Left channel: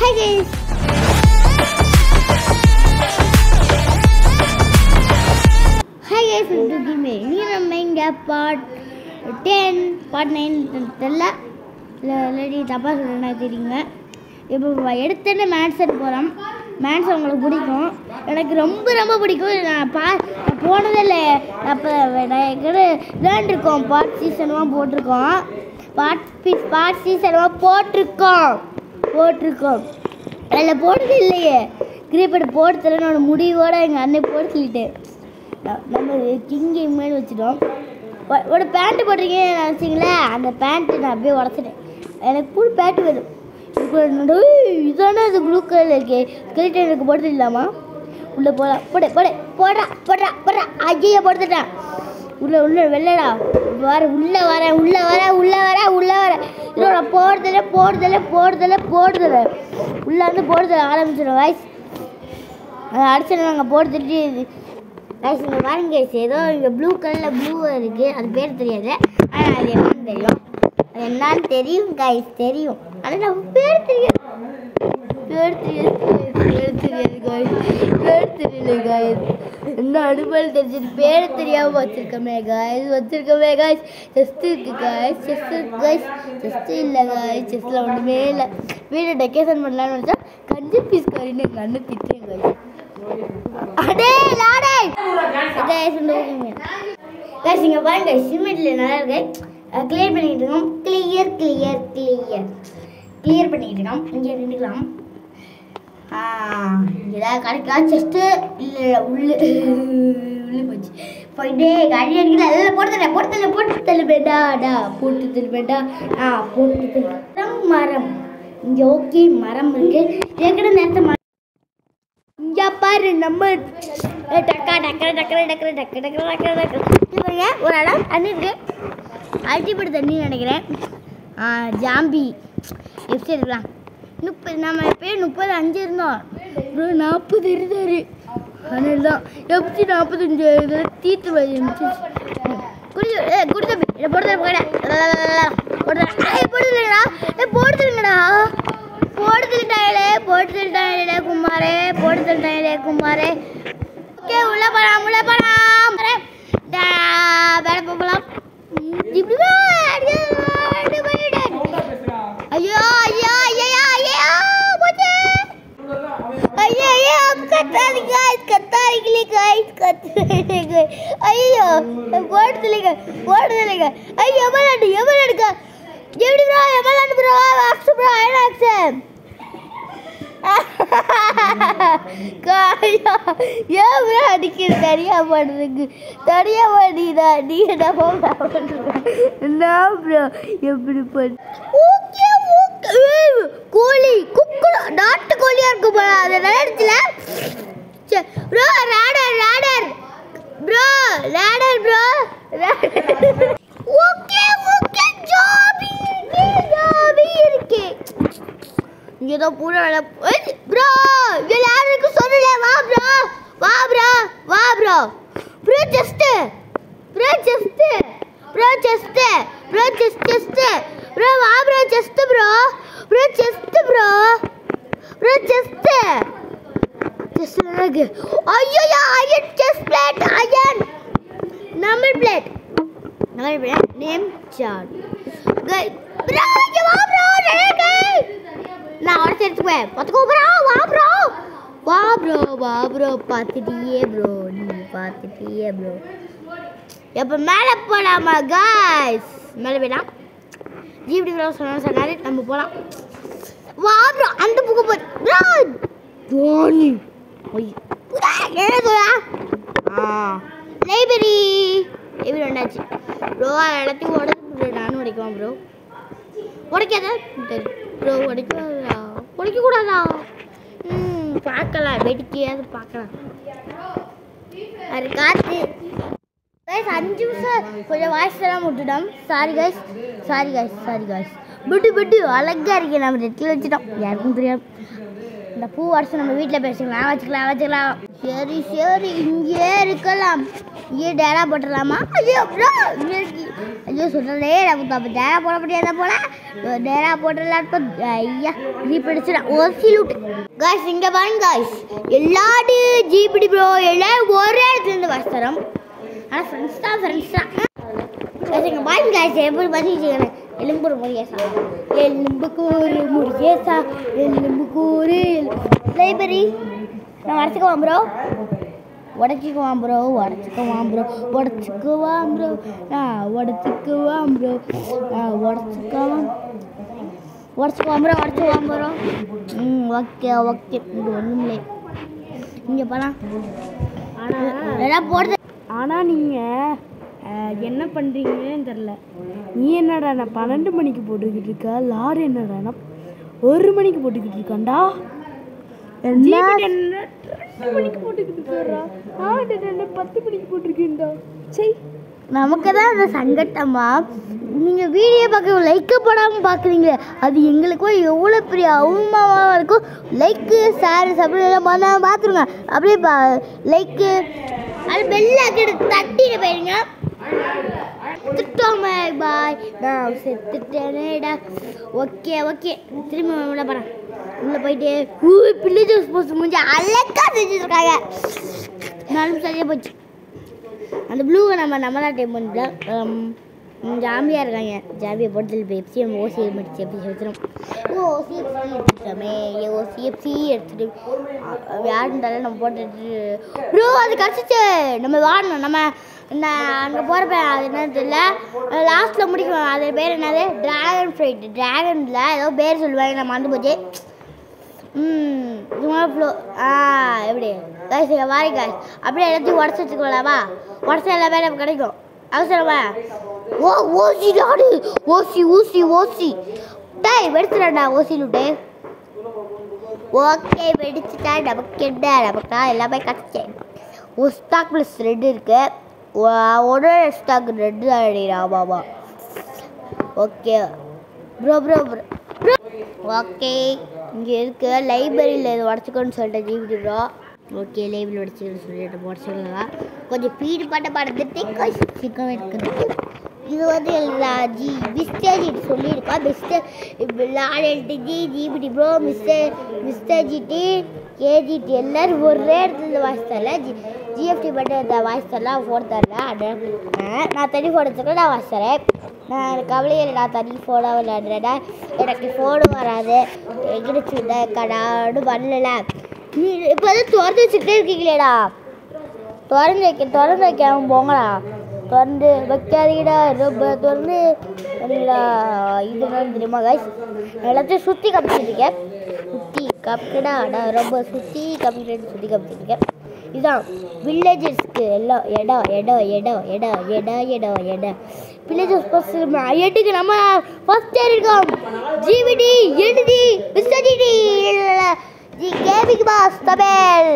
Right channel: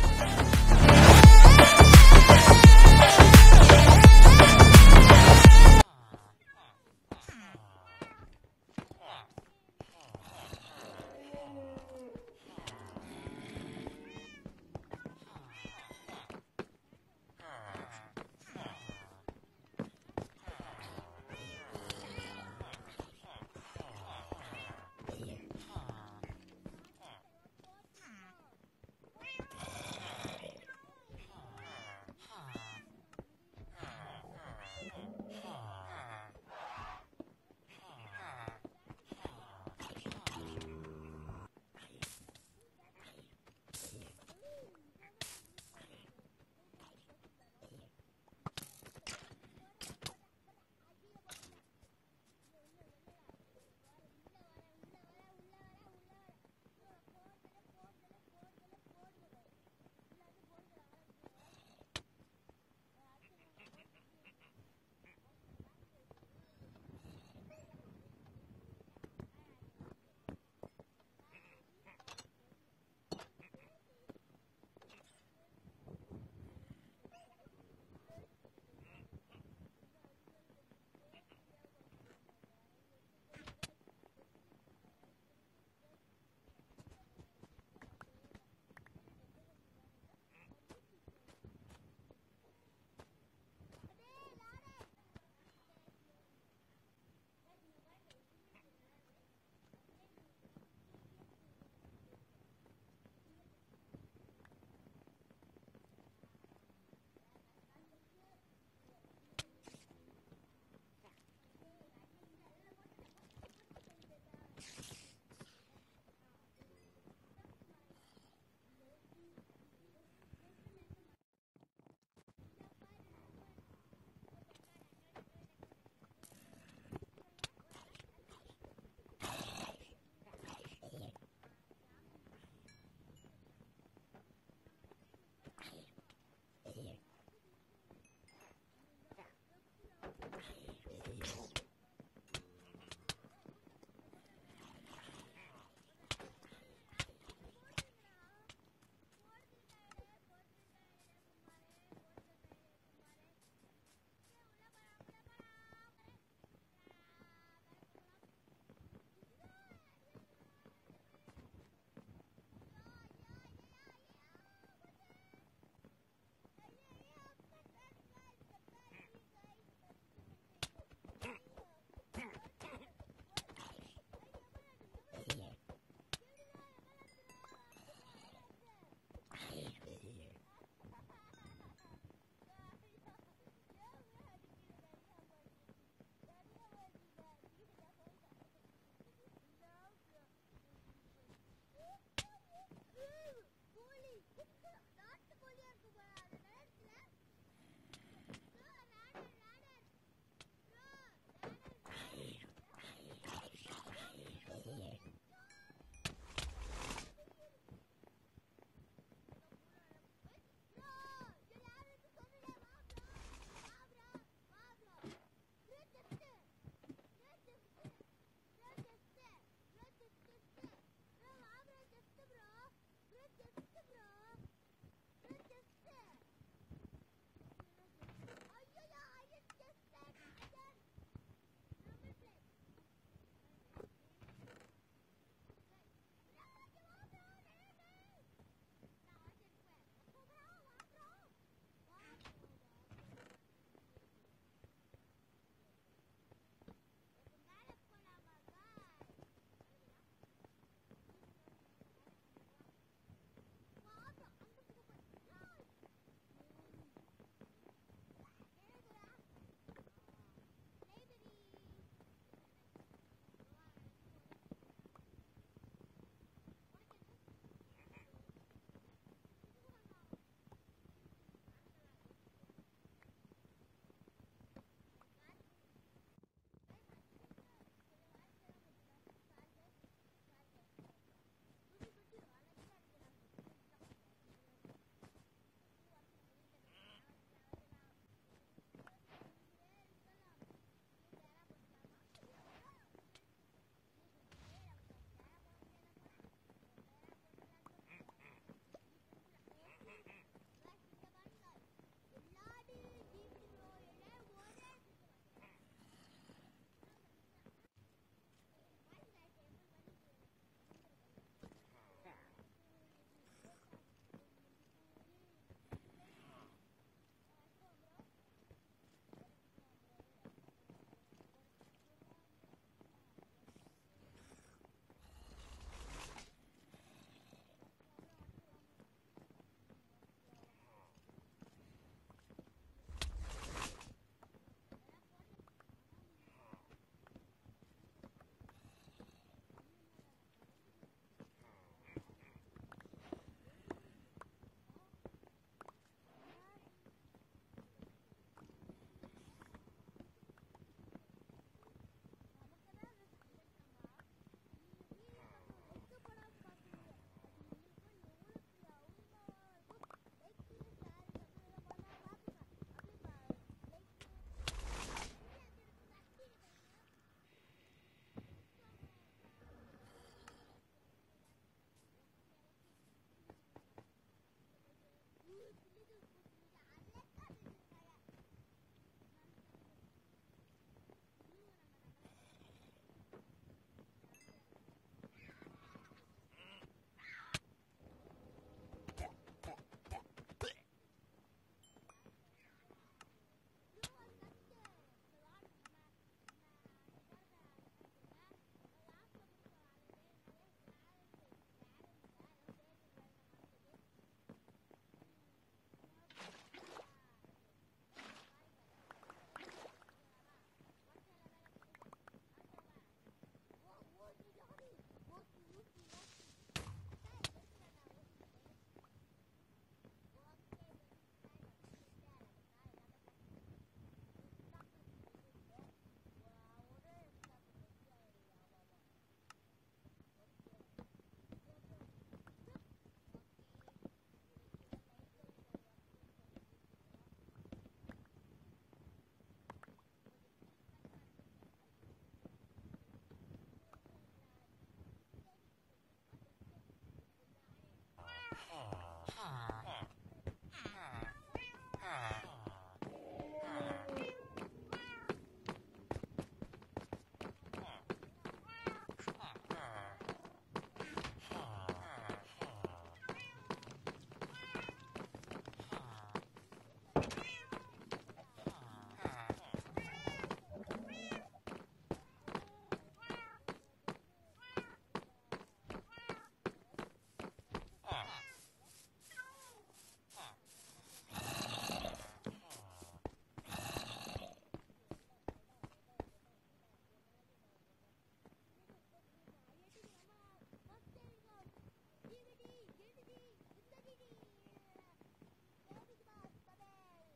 Hi guys. Hi guys, welcome to Game. Ini namanya part 10, part 9 தெரியல இல்லடி தப்பா சொல்றேன்னா தெரியுங்க. இப்போ எடுத்தேன்னு மேட்ச் எடுத்து போகிறோம். மேட்ச் உங்களுக்கு பிடிக்கும், எனக்கு ரொம்ப ரொம்ப பிடிக்கும். நான் போனதே இல்லை. அப்போ விளையாண்டுருக்கோம், பார்ட் சீசன்லாம் போட்டிருக்கோம். பார்ட் சீசன்லாம் போட்டிருக்கோம் அதில் போட்டது இல்லையே. கிரிக்கெட் போடுறதுல நான் முடிவோடு எங்கள் அண்ணன் போட்டு சொல்லிட்டேன். நம்ம கிங்கி மேலே வச்சுட்டோம். ஒரு பேண்ட்டு போட்டிருக்கேன் நினச்சிங்களே, அந்த பேண்ட்டு நான் அப்படியே உடச்சிட்டேன். எனக்கு ஃபுல் பேண்ட்டு வேணும். இதானே அது ப்ளூ கலர் இருக்கே, ஸ்கெலிட்டன் எனக்கு போடுறது இல்லாமா? உள்ளே போடலாம், போடுறா ஐயா போடுத்துட்டான். உள்ள வெள்ளடா உள்ளே வரேன் இதோட போடுதல உள்ளே வந்து போடுதல ஆரம்பிச்சிடும் வாய்ஸ். அதை அடிச்சு நாங்கள் போட்டுட்டு கைஸ் இங்கே பாருங்க கைஸ், ஏதோ இங்கே ப்ளூ கலரில் ப்ளூ இருக்குது, அது பேர் தெரியாது. ஆனால் அது என்னன்னு தெரியும், அது என்னான்னு தெரியும் கைஸ், தெரியும். ஆனால் நம்ம பேர் தெரியாது கைஸ். என்ன அனுபவம் தெரிஞ்சுட்டு பேர் தெரியாமல் வச்சுருக்கோமே கைஸ். செஸ்ட் இருக்கு கைஸ், செஸ்ட் இல்லை கைஸ், செஸ்ட்டில் ஒன்றுமே இல்லை. வீட்டை டெக்கரேஷன் பண்ணலான்னு நினச்சா கஞ்சி பீஸ் கறின்னு எங்கள் அண்ணன் திட்டேன் கைஸ். கைஸ் இங்கே பாருங்க, சிமெண்ட்டில் நல்லா இருக்கு. கிளியர் பண்ணிக்கிட்டு இருக்கோம். கிளியர் பண்ணிக்கிட்டு இருக்கோம். இங்கே நின்றுக்கலாம். ஏதாவது கிடைக்கலாம். செஸ்ட்டு இல்லை உள்ளே போச்சு. போயிட்டே கறி அடிக்கல. அதில் போட்டு தள்ளுவேண்டா. மரம் இங்கே ஓகே, மரம் இருக்கு. ஏற்கனவே நேரத்தை இங்கே பாரு நம்ம ஒரு இடம் தண்ணி இருக்கு. அல்டிபடி தண்ணி நினைக்கிறேன். ஜாம்பி எப்படி இருக்கலாம். நம்ம எப்பயும் 35 இருந்தோம், 40 இருந்தாரு. அதனால தான் எப்படி 45 இதில் தீட்டு குடிச்சா போடுதுலடா குமாரே. ஓகே, உள்ள போலாம் வேலை போகலாம். ஐயோ போடுதலைங்க. ஐயோ எவ்வளோ அடிக்கிற தனியா பண்ணுறதுக்கு நீ என்ன ப்ரோ எப்படி கோழி நாட்டு கோழியா இருக்கு போல. அது நடந்துச்சுல ப்ரோ. ரேடர் ப்ரோ. ஓகே ஜாபி இருக்கு. இங்கே தான் பூரா ப்ரோ. எல்லாருக்கும் சொல்லல. வா ப்ரோ ஜஸ்ட் வா ப்ரோ ஜஸ்ட் ஐயோ iron chest plate, iron number plate name chart bro. நான் உடச்சு எடுத்துக்குவேன். பார்த்துக்கோ ப்ரோ. வா ப்ரோ பார்த்துட்டியே ப்ரோ. எப்போ மேலே போகலாமா கைஸ்? மேலே போயிடலாம். ஜிபி ப்ரோ சொன்னாரு நம்ம போகலாம். வா ப்ரோ, அந்த புக்கு ப்ரோ. தோனி என்ன சொல்ல லைப்ரரி வந்தாச்சு ப்ரோ. எல்லாத்தையும் உடச்சு நானும் உடைக்குவான் ப்ரோ. உடைக்காத ப்ரோ, உடைக்கக்கூடாதா? பார்க்கலாம், வெடிக்கையாவது பார்க்கலாம். அது காற்று கைஸ். 5 நிமிஷம் கொஞ்சம் வாய்ஸ் எல்லாம் விட்டுட்டோம். Sorry guys. விட்டு அழகா இருக்கு. நம்ம ரெட்டில் வச்சுட்டோம், யாருக்கும் தெரியாது. இந்த பூ வருஷம் நம்ம வீட்டில் வச்சுக்கலாம். சரி இங்கே இருக்கலாம். ये डेरा போட்டுடலாமா? ஐயோ ப்ரோ ஐயோ சொல்றதே நமக்கு அப்ப டேரா போட முடியாத போல டேரா போட்டுடலாம். ஐயா ஜீப் அடிச்சுடா ஓசி லூட். காய்ஸ் இங்க பாருங்க காய்ஸ், எல்லாரு ஜிபிடி ப்ரோ எல்லாம் ஒரே இடத்துல இருந்து வசரம். ஆனா ஃப்ரெண்ட்ஸ் தான் இங்க பாருங்க காய்ஸ், எப்படி பண்ணிட்டு எலும்பு முருகேசா எலும்புக்கு ஒரு முருகேசா எலும்புக்கு ஒரு லைப்ரரி. நான் வரைச்சிக்குவான் ப்ரோ உடச்சிக்குவான் ப்ரோ உடச்சிக்குவான் ப்ரோ உடச்சிக்குவான் ப்ரோ உடச்சிக்குவான் ப்ரோ உடச்சிக்குவான் ப்ரோ உடச்சிக்குவான் ப்ரோ. ஓகே ஓகே இது ஒன்றும் இங்கே போகலாம். ஆனால் போடுறது ஆனால் நீங்கள் என்ன பண்ணுறீங்கன்னு தெரில. நீ என்னடா நான் 12 மணிக்கு போட்டுக்கிட்டு இருக்கா, லாரி என்னடா 1 மணிக்கு போட்டுக்கிட்டு இருக்காண்டா. என்ன 2 மணிக்கு போட்டுக்கிட்டு இருக்கா, 10 மணிக்கு போட்டிருக்கேன்டா. சரி நமக்கு தான் அந்த சங்கட்டமா. நீங்கள் வீடியோ பார்க்க லைக்கு போடாமல் பார்க்குறீங்க, அது எங்களுக்கும் எவ்வளோ பெரிய அவமானமாக இருக்கும். லைக்கு ஷேர் சப்ஸ்கிரைப் பண்ணாமல் பார்த்துருங்க. அப்படியே லைக்கு அது பெல்ல தட்டிட்டு போயிருங்க. திட்டோமே பாய் நான் செத்துட்டேனேடா. ஓகே ஓகே திரும்பி உள்ள போகிறேன். உள்ளே போயிட்டு பிள்ளை ஜூஸ் போட்டு முடிஞ்சு அழகா செஞ்சுருக்காங்க. 4 நிமிஷம் சரியாக போச்சு. அந்த ப்ளூவை நம்ம தான் டைம் பண்ணிட்டோம். ஜாம்பியாக இருக்காங்க. ஜாம்பியை போட்டு பெப்சி நம்ம ஓசி முடிச்சு எப்படி எடுத்துடும். ஓசிஎஃப்சி எடுத்துட்டோமே ஓசிஎஃப்சி எடுத்துட்டு யார் இருந்தாலும் நம்ம போட்டுட்டு ப்ரோ அது கிடச்சிச்சு. நம்ம வாடணும். நம்ம அங்கே போகிறப்ப அது என்னது தெரியல, லாஸ்ட்டில் முடிக்கணும். அது பேர் என்னது ட்ராகன் ஃப்ரைட். ட்ராகனில் ஏதோ பேர் சொல்லுவாங்க, நான் மறந்து போச்சு. ஃப்ளோ எப்படி காய்ஸ் வாரி காய்ஸ் அப்படியே எல்லாத்தையும் உடச்சி வச்சுக்கலாமா? உடச்சா எல்லாமே நமக்கு கிடைக்கும். அவசரமா ஓசி நாடு ஓசி ஊசி ஓசி டேய் வெடிச்சுடாண்டா ஓசி லூட்டு. ஓகே வெடிச்சுட்டா நமக்கு என்ன, நமக்கு எல்லாமே கிடச்சேன். ஒரு ஸ்டாக் ப்ளஸ் 2 இருக்கு. ஒரு ஸ்டாக் 2 அடிடா Baba. Okay bro bro bro bro okay இங்கே இருக்கு லைப்ரரியில் இது உடச்சிக்கோன்னு சொல்லிட்டேன் ஜிபிடி ப்ரோ. ஓகே லைப்ரரி உடச்சிக்கணும்னு சொல்லிட்டு உடச்சிக்கலாம். கொஞ்சம் பீடு பாட்டை பாடுறதுக்கு சிக்கம் இருக்குது. இது வந்து மிஸ்டர் சொல்லியிருக்கா. மிஸ்டர் ஜிபிடி ப்ரோ மிஸ்டர் ஜிடி ஏஜிடி எல்லோரும் ஒரே இடத்துல வாய்ஸ் தரல. ஜிஎஃப்டி மட்டும் இந்த வாய்ஸ் தரலாம் ஃபோன் தரல. நான் தனி ஃபோன் வச்சுருக்கேன், நான் வாய்ஸ் தரேன். நான் கவலையே இல்லை, நான் தனி ஃபோனாக விளையாடுறேன்னா எனக்கு ஃபோனும் வராது. எங்கிருச்சு கடான்னு பண்ணல. நீ இப்போ வந்து திறந்து வச்சுக்கிட்டே இருக்கீங்களேடா. திறந்து வைக்காம போங்களா. திறந்து வைக்காதீங்கடா ரொம்ப திறந்து சரிங்களா. இதுதான் தெரியுமா காய்ஸ், எல்லாத்தையும் சுற்றி காமிச்சிருக்கேன். சுற்றி காப்பிட்டா நான் ரொம்ப சுற்றி காமிச்சிருக்கேன். இதுதான் வில்லேஜஸ்க்கு எல்லாம் இடம் வில்லேஜஸ் பஸ் எட்டுக்கு நம்ம ஃபர்ஸ்ட் இருக்கோம். ஜிவிடி எழுதி மிஸ்டர் ஜிடி கேபிக் பாஸ் தமிழ்.